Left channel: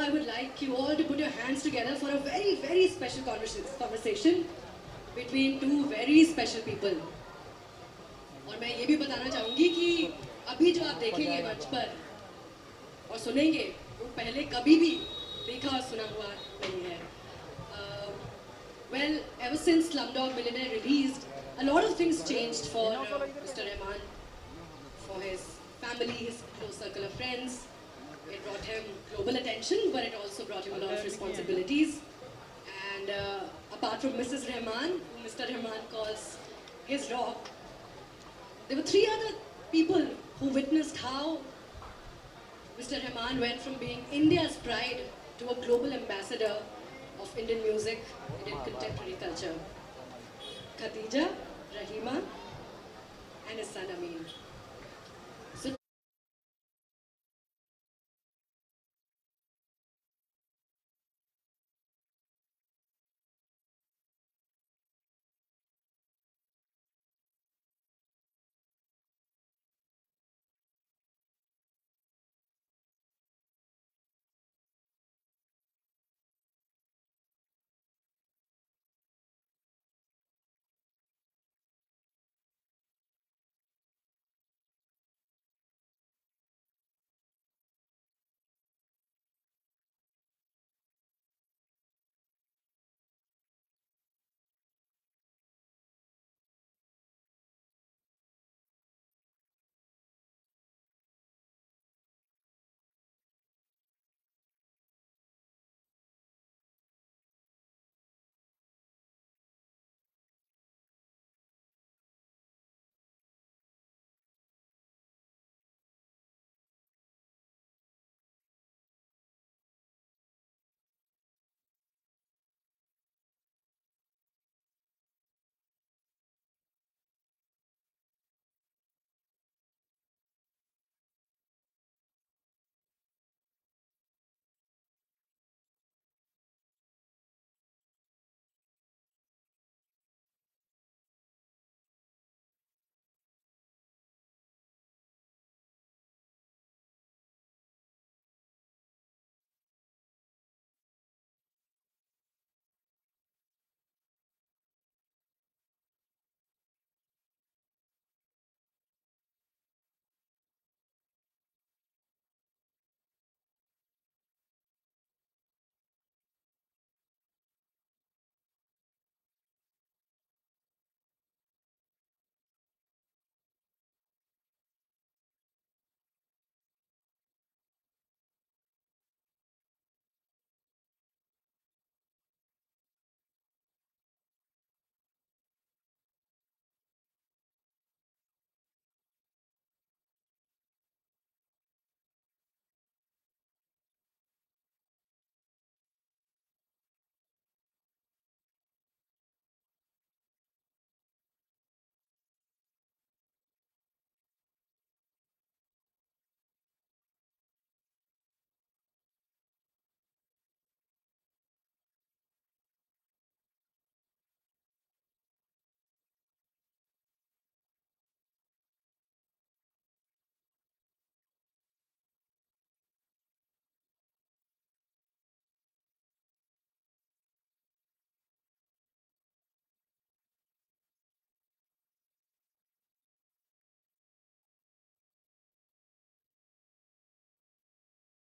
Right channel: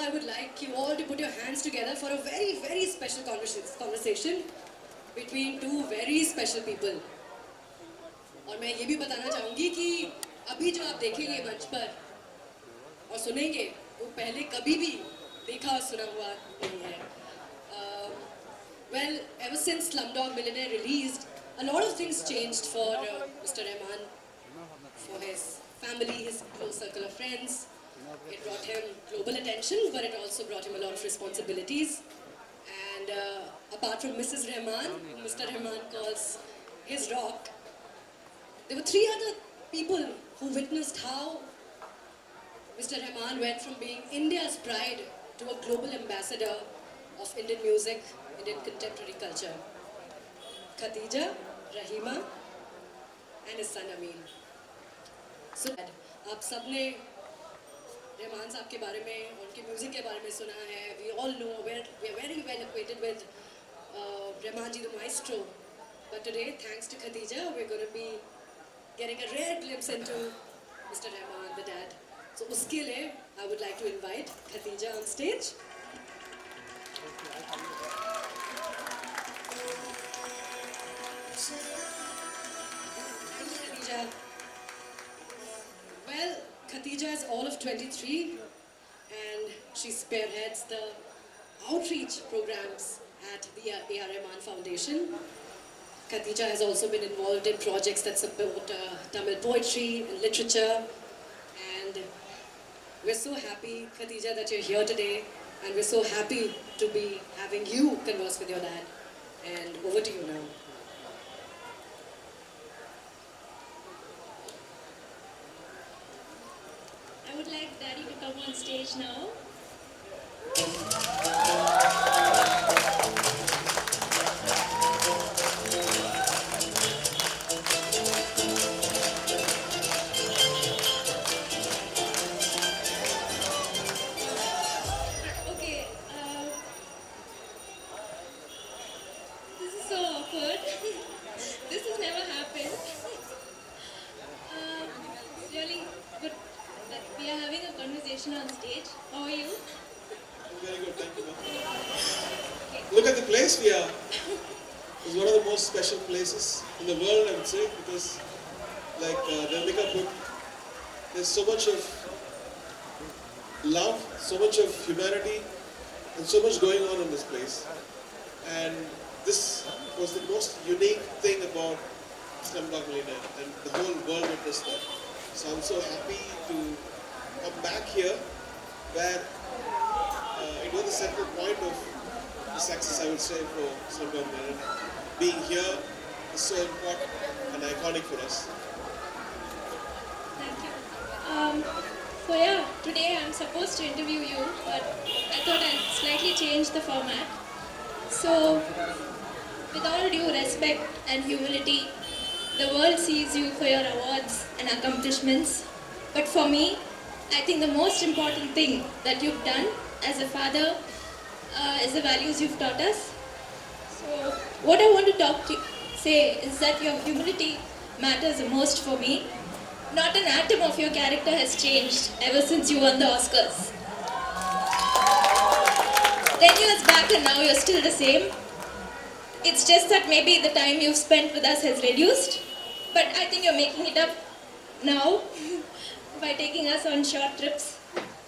I would like you all to put your hands together for a very, very special conversation between two very special people. और मैं ये भी बताना चाहूँगी कि अभी जो आप देखेंगे मंच पर और सुनेंगे वो पहले कभी भी देखा और सुना हुआ नहीं है. Well, ever since Slumdog Millionaire released, a lot of things changed for Mr. Rahman, for his family, his close circle of friends. It brought him global attention, but it also brought him a lot of responsibilities. And apart from Mrs. Rahman, who Mr. Rahman calls his rock, there were three other people who witnessed how Mr. Rahman went from being India's pride to a global ambassador of Indian music, Indian contemporary culture. Khadija, Rahima, and his son Amin. So, आप सबने रहमान साहब के बारे में, उनके music के बारे में सुना है. We all know, we are very well acquainted with Rahman ji the maestro. But today, thanks to Khadija, we're going to be getting a rare glimpse into Mr. Rahman, the dad. So uske liye, I would like to invite Khadija on stage. Khadija. Well, Khadija is all of 23 and she spearheads the outreach programs at the A.R. Rahman Foundation. Khadija has also been involved in projects that support Tamil poetry and literature. And we're so happy, Khadija, that you're here today. And we're so happy to be having you converse with your dad. And over to you now. I would like Daddy to come on stage now. Okay, this is so awkward. This has never happened. It's really good that we are having a conversation on stage. How are you? Very good, thank you. Look at the place we are. It's one of the most special places in the world, I would say, because, like Devika put, there's so much of love, so much of humanity, and so much going on in this place. And this was the most unique thing about Slumdog Millionaire, and the whole world witnessed that. So I'm so happy to come back here, where it was the central point of the success, I would say, for Slumdog Millionaire. Being here is so important and iconic for us. Thank you. So yeah, today I'm supposed to interview you, but I thought I'd slightly change the format. So, with all due respect and humility, the world sees you for your awards and accomplishments. But for me, I think the most important thing that you've done as a father is the values you've taught us. So, what I want to say is that your humility matters the most for me. Not an atom of your character has changed ever since you won the Oscars. 10 years back and now you're still the same. It's just that maybe the time you've spent with us has reduced. But I think you're making it up now by taking us on short trips.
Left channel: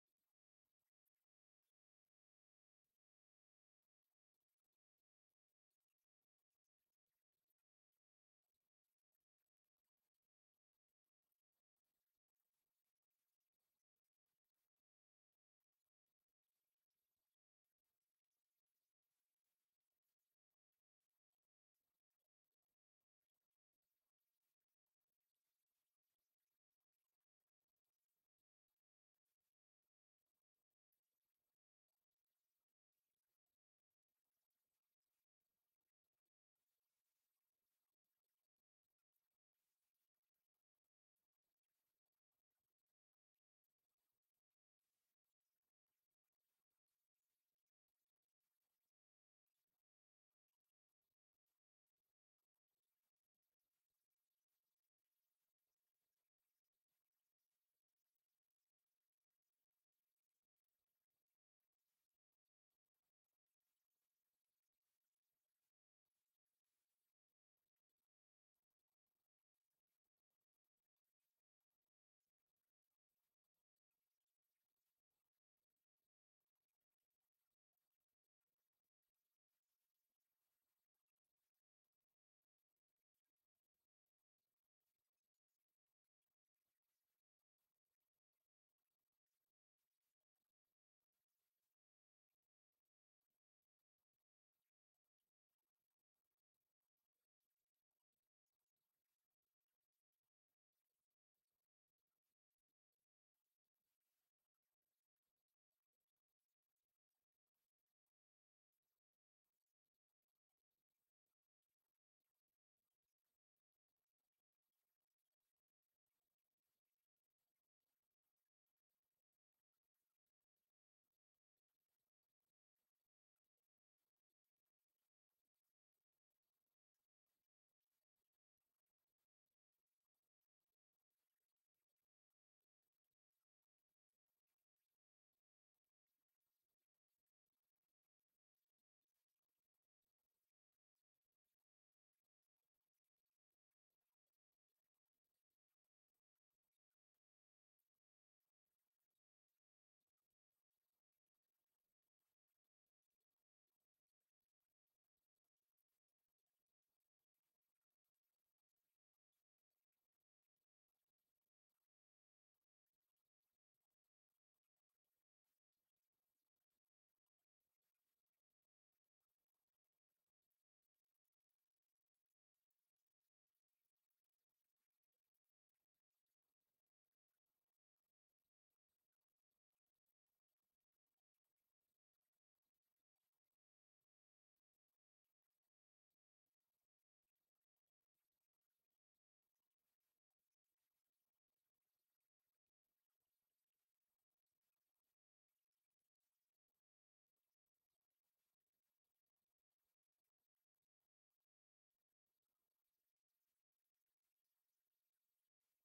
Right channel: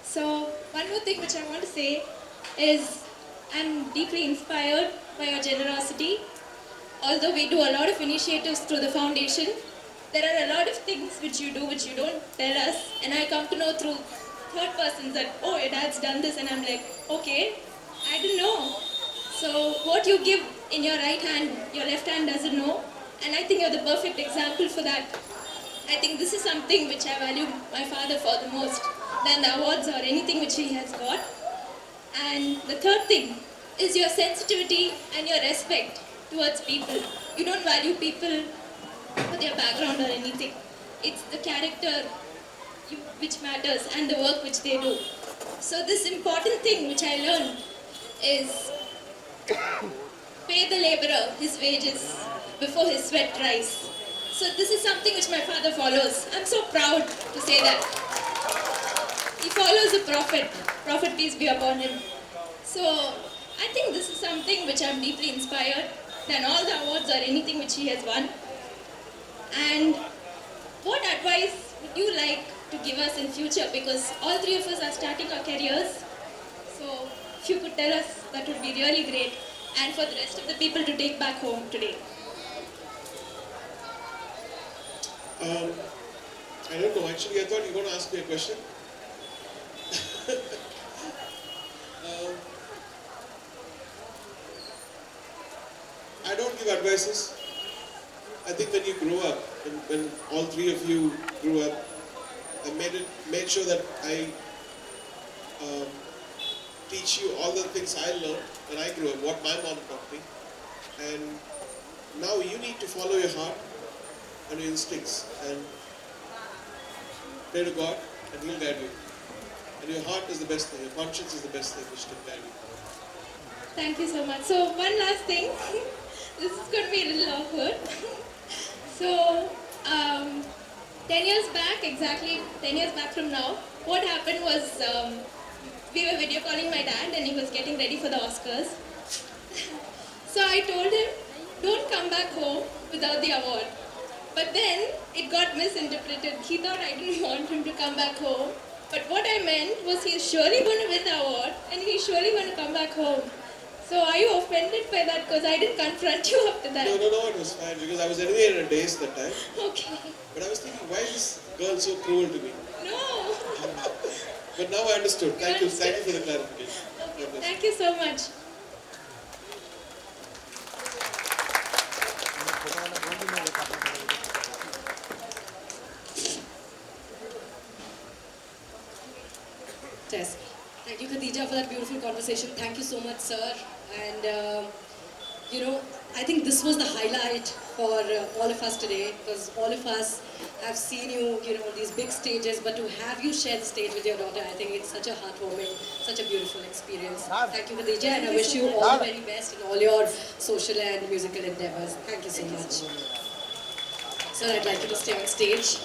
So one more thing which I want to say is I'm deeply inspired by your generosity. Although we do a lot of initiatives through the foundation, there are a lot of things which you do which you don't tell us, and I come to know through third persons that, oh, your dad's done this, and I'm like, okay, I didn't know. So what you give in your right hand, your left hand doesn't know, and I think you're the perfect example for that. I think this is something which I value my father for the most than the awards or anything which he has got. And the third thing is your sensitivity and your respect towards people. You don't value people for their background or anything. It's the character which matters and the work which they do. So this important thing which I learned is pay the laborer his wages before his sweat dries. So this is something which my father follows. I'm so proud to say that. He follows the prophet, Prophet peace be upon him. So I think this is something which I'm deeply inspired than all the awards or anything which he has won. And what advice would you like to give us in future? Because all three of us are starting our careers. So if you could tell us, that would be really great. And for the rest of the people to take back home today. I don't know. Actually, I thought you were going to ask me a question. um, I don't give advices. I think when you grow up, when all three of you grew up, I made sure that I teach you all the things I learned when I grew up, what my mom taught me. And now you need to follow your heart and your instincts and pray to God and He'll guide you. And your heart is the best thing, your conscience is the best thing which can guide you. Thank you so much. So one last thing. This is going to be a little awkward. So 10 years back, exactly 10 years back from now, what happened was we were video calling my dad and he was getting ready for the Oscars. So I told him, don't come back home without the award. But then it got misinterpreted. He thought I didn't want him to come back home. But what I meant was he's surely going to win the award and he's surely going to come back home. So are you offended by that? Because I didn't confront you after that. No, it was fine because I was anyway in a daze that time. Okay. But I was thinking, why is this girl so cruel to me? No. But now I understood. Thank you for the clarification. Okay. God bless. Thank you so much. Tess. Thank you, Khadija, for that beautiful conversation. Thank you so much, sir. And, I think this was the highlight for all of us today because all of us have seen you, on these big stages, but to have you share the stage with your daughter, I think it's such a heartwarming, such a beautiful experience. Thank you, Khadija, and I wish you all the very best in all your social and musical endeavors. Thank you so much. Sir, I'd like you to stay on stage.